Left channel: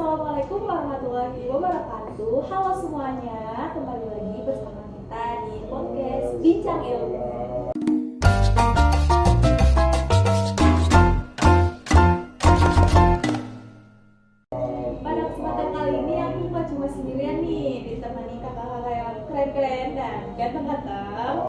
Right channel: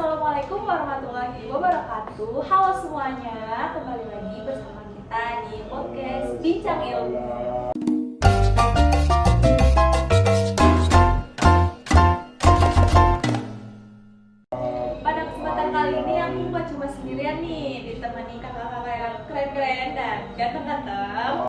Assalamualaikum warahmatullahi wabarakatuh. Halo semuanya, kembali lagi bersama kita di podcast Bincang Ilmu. Pada kesempatan kali ini aku gak cuma sendirian nih, ditemani kakak-kakak yang keren-keren dan ganteng-ganteng.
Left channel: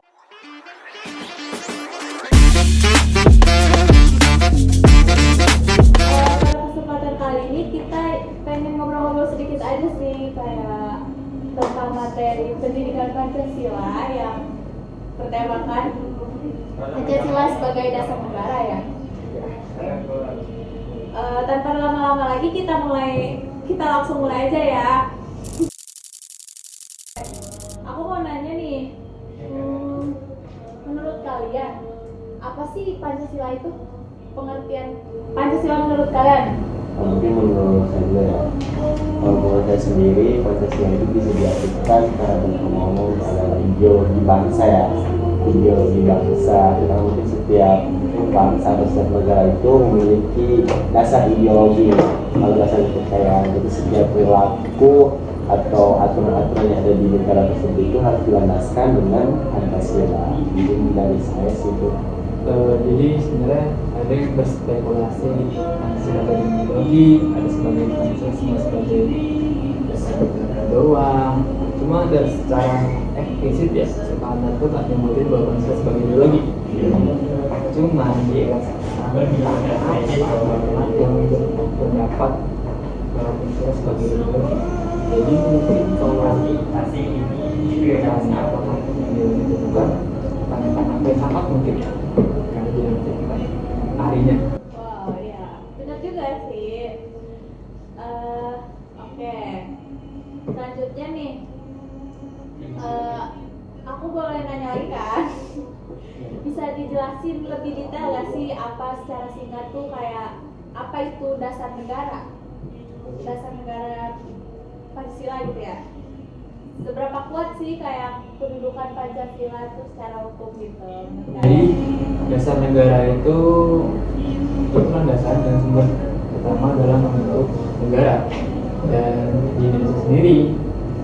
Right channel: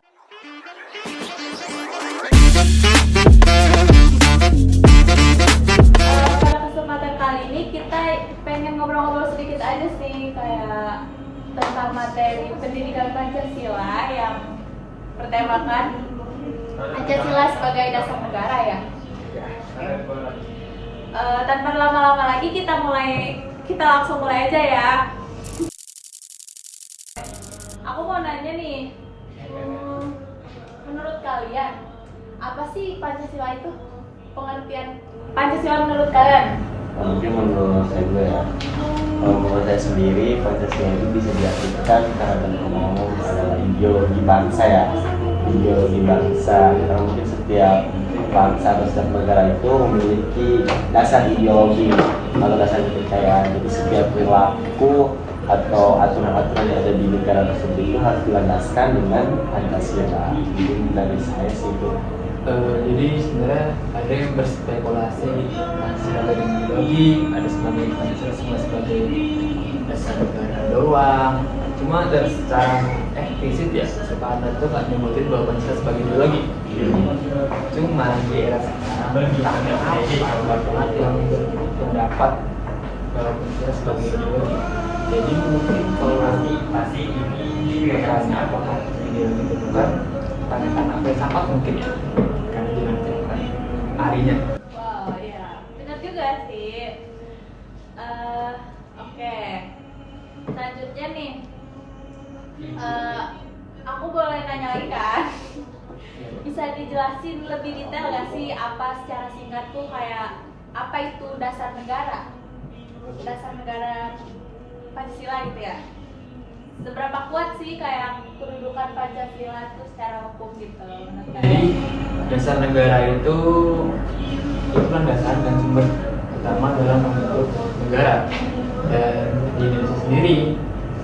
Pada kesempatan kali ini kita pengen ngobrol-ngobrol sedikit aja sih, kayak tentang materi pendidikan Pancasila yang bertemakan Pancasila sebagai dasar negara ya. Tanpa lama-lama lagi kita langsung mulai aja ya. Aku mau nanya nih, menurut kalian apa sih Pancasila itu? Pengertian Pancasila menurut kalian? Mungkin menurut saya dulu ya. Kalau menurut saya sendiri, Pancasila itu bisa diartikan karena ngomong adalah ideologi bangsa ya. Ideologi bangsa. Kita mungkin setiap bangsa atau setiap negara itu memiliki dasar ideologi, kalau dasar kepercayaan. Jadi setiap perilaku atau aturan-aturan yang ada di negara tersebut itu harus dilandaskan dengan Pancasila. Mungkin dari saya sih itu. Jadi sebenarnya ada yang berspekulasi Pancasila dari ideologi, ada sebagai Pancasila semua sebagai dasar negara doang. Cuma dari secara eksplisit ya, sekarang itu nggak nyebutin bahwa Pancasila sebagai ideologi. Cuma di era sekarang banyak yang berpendapat bahwa Pancasila sebagai ideologi. Jadi mungkin kalau bukan apakah ideologi itu bukan tanda-tanda filsafat mungkin ya, karena jadi bukan harinya. Wow, ya, benar juga sih. Oke. Selanjutnya nih, aku boleh nanya lagi kan? Bisa dijelasin lebih detail gak sih apa secara singkat tuh kayak apa itu dasar negara? Dasar negara Pancasila gitu ya? Seberapa kuat sih kayak kedudukan Pancasila itu secara hukum gitu? Jadi dasar negara itu landasan dan sumber utama dalam membentuk negara. Dan di Indonesia sendiri,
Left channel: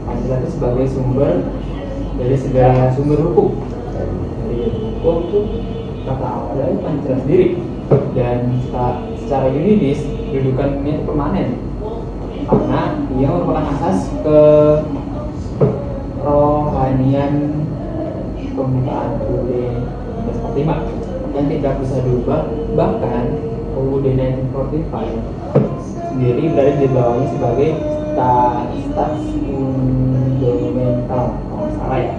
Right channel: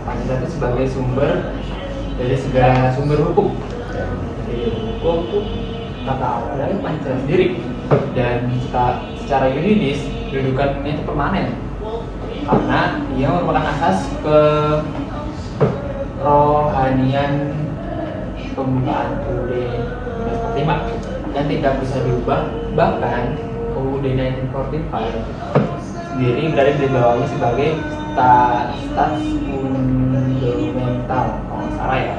Pancasila itu sebagai sumber dari segala sumber hukum. Dari hukum itu tata dari Pancasila sendiri. Dan secara yuridis kedudukannya itu permanen karena dia merupakan asas kerohanian pembukaan UUD 1945 dan tidak bisa diubah. Bahkan UUD 1945 sendiri berada di bawahnya sebagai stat fundamental kalau nggak salah ya.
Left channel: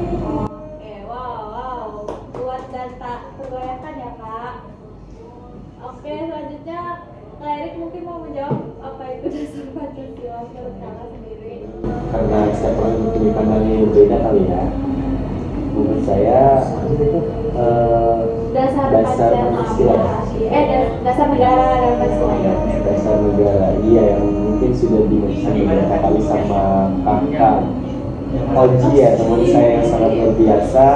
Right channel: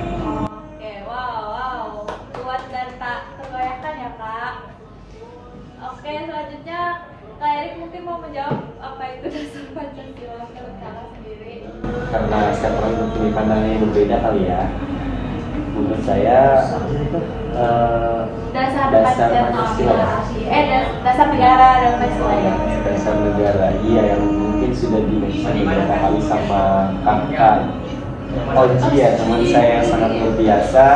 Oke, wow, kuat dan tak tergoyahkan ya Kak. Oke, selanjutnya Kak Erik mungkin mau menjawab apa itu dasar Pancasila menurut Kakak sendiri? Karena setiap orang mempunyai pandangan yang berbeda kali ya. Menurut saya Dasar Pancasila. dasar negara dan Pancasila ya. Dasar negara, iya, yang mungkin sudah dimention beberapa kali sama kakak Oji ya, teman saya yang sangat luar biasa.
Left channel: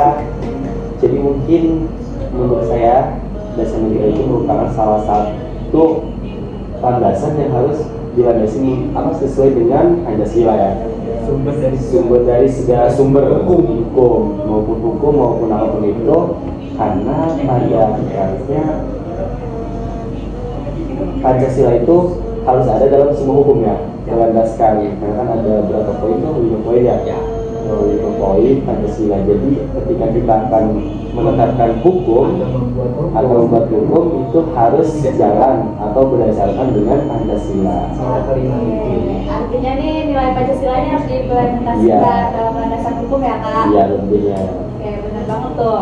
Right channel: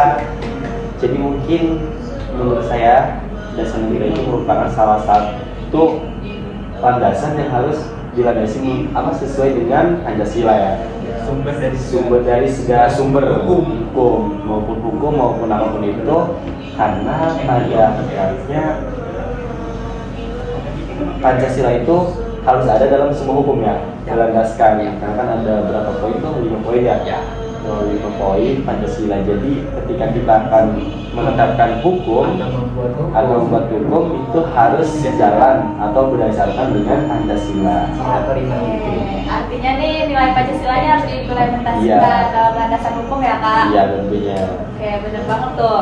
Jadi mungkin menurut saya dasar negara itu merupakan salah satu landasan yang harus dilandasi sesuai dengan Pancasila ya. Sumber dari segala sumber hukum maupun apapun itu, karena pada akhirnya Pancasila itu harus ada dalam semua hukum ya, dilandaskan. Karena kan ada berapa poin tuh, 5 poin ya. 5 poin Pancasila. Jadi ketika kita akan menetapkan hukum atau membuat hukum itu harus jalan atau berdasarkan dengan Pancasila. Artinya nih nilai Pancasilanya harus diimplementasikan dalam landasan hukum ya Kak? Iya tentunya. Oke, benar banget tuh.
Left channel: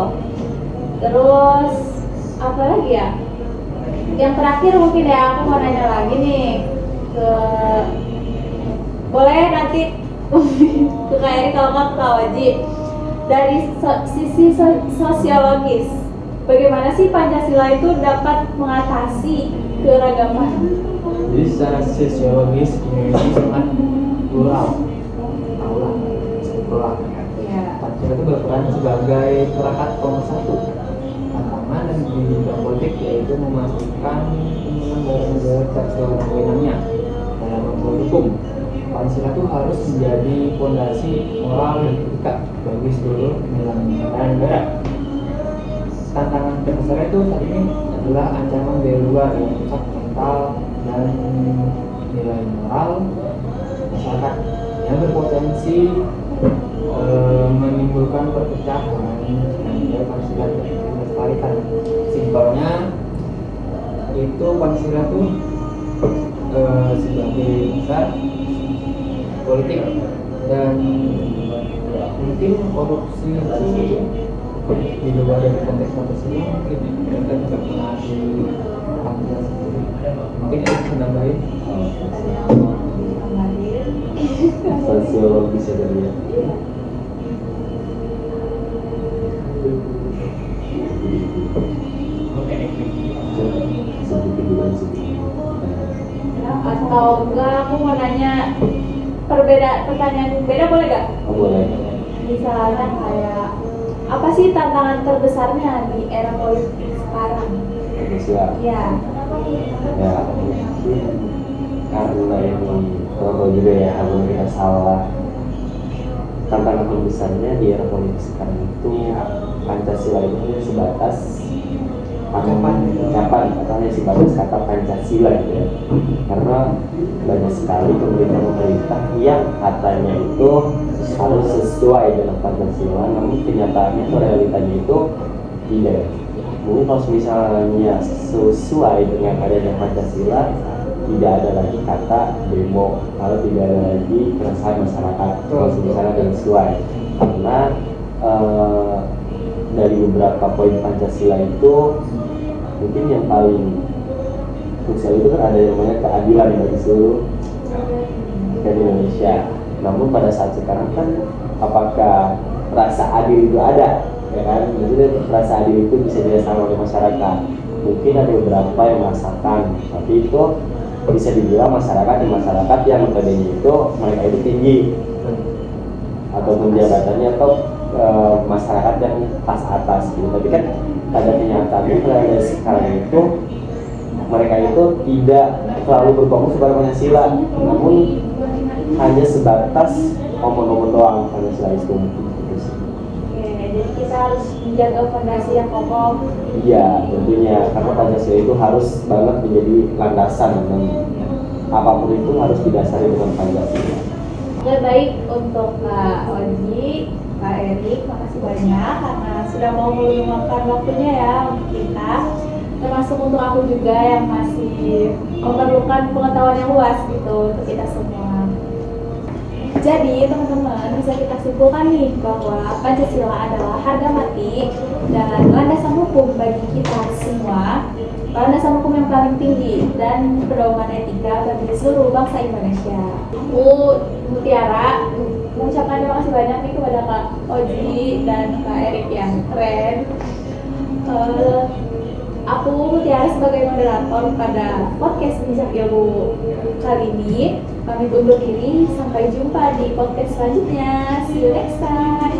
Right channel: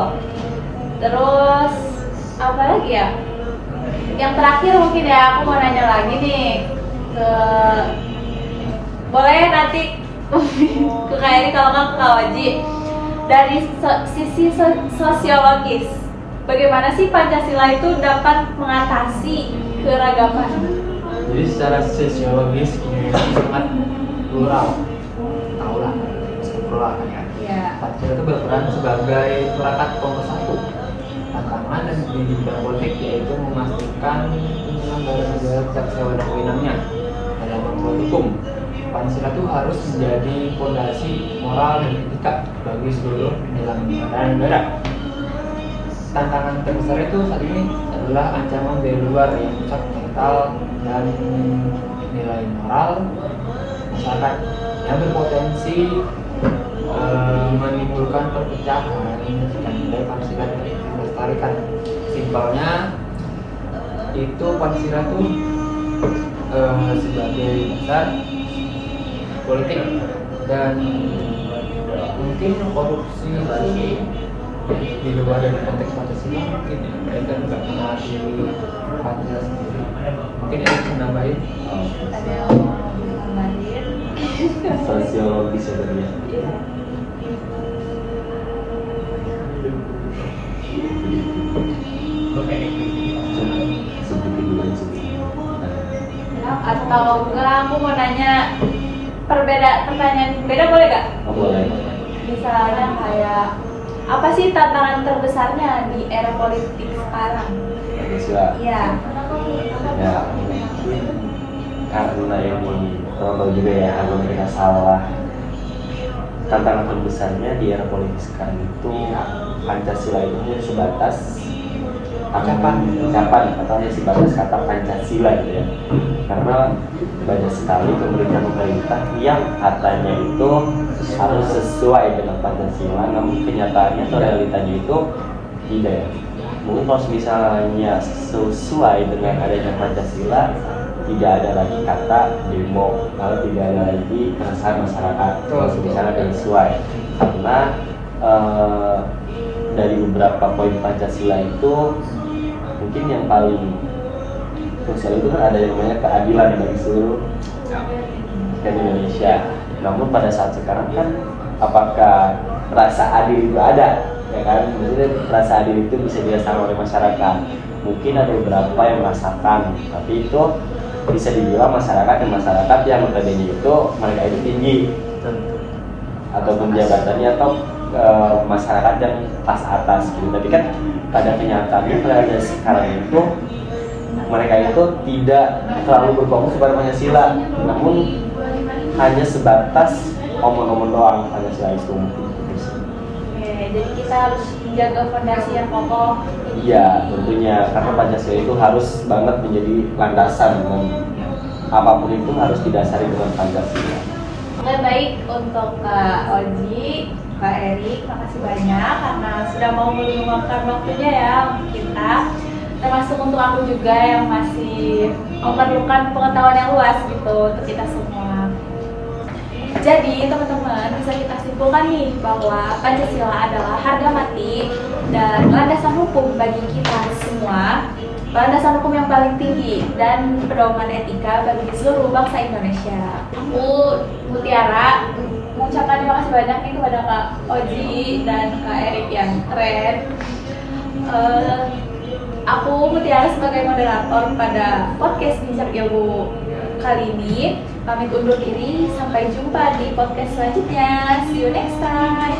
Terus apa lagi ya? Yang terakhir mungkin ya, aku mau nanya lagi nih boleh nanti ke Kak Eri kalau nggak ke Kak Waji. Dari sisi sosiologis, bagaimana sih Pancasila itu dapat mengatasi keragaman? Jadi secara sosiologis Indonesia sangat plural, tahu lah, sangat plural kan ya. Ya. Pancasila itu berperan sebagai perangkat pemersatu tantangan dan di bidang politik, yaitu memastikan penyelenggaraan negara tidak sesuai wewenangnya dalam membuat hukum. Pancasila itu harus menjadi fondasi moral dan etika bagi seluruh penyelenggara negara. Tantangan terbesar itu saat ini adalah ancaman dari luar yang merusak mental dan nilai moral masyarakat yang berpotensi menimbulkan perpecahan jika nilai Pancasila tidak dilestarikan. Simpelnya itu Pancasila itu sebagai dasar politik, dan mungkin korupsi itu di luar dari konteks Pancasila mungkin mereka juga pernah di Pancasila sendiri. Mungkin itu menambahin. Ada yang mau ditambahin? Sosiologis ya tadi ya. Iya. Sedikit dulu aja. Atau enggak, aku mau nanya pertanyaan beda, boleh gak? Oh, boleh. Misalnya kayak apa sih tantangan terbesarnya di era politik sekarang? Pancasila. Iya. Ya mungkin karena ini tahu juga ya, kalau tidak salah, tantangan terbesarnya di era politik sekarang itu Pancasila itu hanya sebatas ucapan atau hanya sebatas kata Pancasila gitu ya. Karena banyak sekali pemerintah yang katanya itu harus sesuai dengan Pancasila, namun kenyataannya atau realitanya itu tidak. Mungkin kalau misalnya sesuai dengan adanya Pancasila, tidak ada lagi kata demo, kalau tidak ada lagi keresahan masyarakat. Kalau misalnya tidak sesuai, karena dari beberapa poin Pancasila itu mungkin yang paling krusial itu kan ada yang namanya keadilan bagi seluruh rakyat Indonesia. Namun pada saat sekarang kan apakah rasa adil itu ada? Ya kan, maksudnya rasa adil itu bisa dirasakan oleh masyarakat. Mungkin ada beberapa yang merasakan, tapi itu bisa dibilang masyarakat yang notabene itu mereka itu tinggi ataupun jabatannya atau masyarakat yang pas atas gitu. Tapi kan pada kenyataannya pada sekarang itu mereka itu tidak terlalu berfokus pada Pancasila, namun hanya sebatas omong-omong doang Pancasila itu. Jadi kita harus menjaga fondasi yang kokoh. Iya, tentunya karena Pancasila itu harus banget menjadi landasan, dan apapun itu harus didasari dengan Pancasila. Oke, baik untuk Kak Oji, Kak Erik, makasih banyak karena sudah mau meluangkan waktunya ya untuk kita. Termasuk untuk aku juga yang masih memerlukan pengetahuan yang luas gitu untuk kita semua. Jadi teman-teman, bisa kita simpulkan nih bahwa Pancasila adalah harga mati dan landasan hukum bagi kita semua, landasan hukum yang paling tinggi dan pedoman etika bagi seluruh bangsa Indonesia. Aku Mutiara mengucapkan terima kasih banyak nih kepada Kak Oji dan Kak Erik yang keren. Aku Mutiara sebagai moderator pada podcast Bijak Ilmu kali ini pamit undur diri, sampai jumpa di podcast selanjutnya. See you next time.